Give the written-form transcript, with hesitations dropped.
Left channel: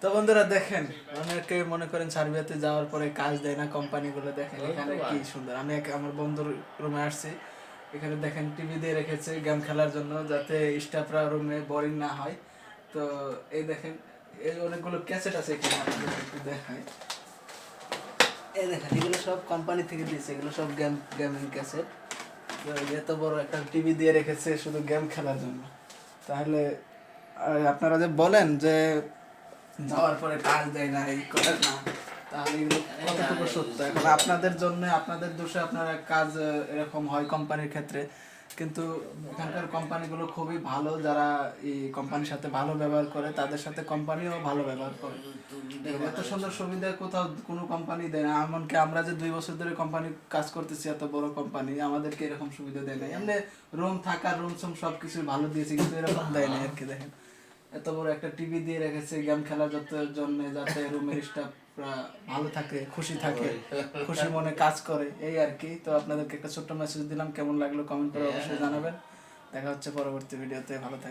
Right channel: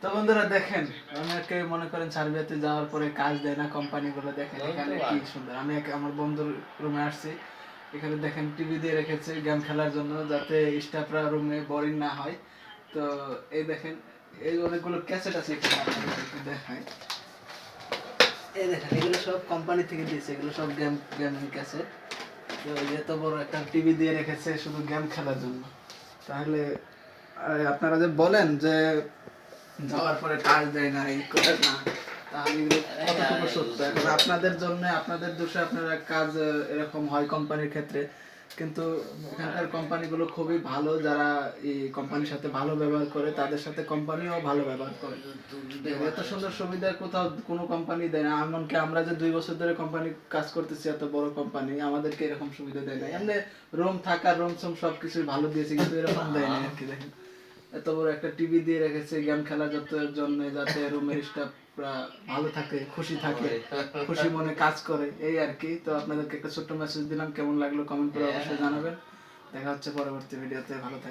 তো বন্ধুরা দেখেন, অনেকে মনে করেন সার্বিয়াতে যাওয়ার পরে কাজ দেয় না কোম্পানিগুলো, দেখেন এখানে কি সুন্দর। আমি আমার বন্ধুর রুমে আসছি, এখানে দেখেন টিভি দিয়ে রেখেছে গেম খেলার জন্য, যাতে স্টাফরা রুমে বোরিং না হয়। তো এই দেখেন, এই অনেকগুলো ক্যাসেট আছে এখানে, আপনাদের একটু দেখায়। এই দেখেন, এগুলো সব কোম্পানি থেকে দিয়েছে, এগুলো সব গেমিং ক্যাসেট। তো এত বড় একটা টিভি দিয়ে রেখেছে শুধু গেম খেলার জন্য। তাহলে আপনারা যে বলেন যে যাওয়ার পরে কাজ দেয় না, এই করে না, তাহলে এগুলো কতটুকু সত্য? এখন আপনাদের জন্য, আপনাদের দোষে আপনারা কাজ এরকম হয় কোম্পানির ক্ষেত্রে। কিন্তু এখানকার কোম্পানিগুলো খুবই ভালো, যারা এই কোম্পানির সাথে ভালো ব্যবহার করে তাদের সাথে কোম্পানিও ভালো ব্যবহার করে। এত সুন্দর সুবিধা কোথাও কোনো কোম্পানি দেয় না। এমনকি আমরা যে 2 বছর ধরে কোম্পানি কাজ করতেছি, এত বড় কোম্পানি, আমাদেরকে এরকম সুবিধা দেয় না। এমনি রুম থাকার, রুম সব সবকিছু ভালো দিয়েছে, কিন্তু এরকম দেয় না আর কি। দেখেন এত বড় একটা টিভি দিয়ে রেখেছে গেম খেলার জন্য, যাতে রুমের স্টাফরা ভালো থাকে, খুশি থাকে, খুশি মনে কাজ করে, এই আর কি। তো আপনাদেরকে একটা ছোট্ট মেসেজ দিলাম, কেমন লাগলো কমেন্ট করে অবশ্যই জানাবেন। দেখা হচ্ছে পরবর্তী ভিডিওতে, ভালো থাকবেন।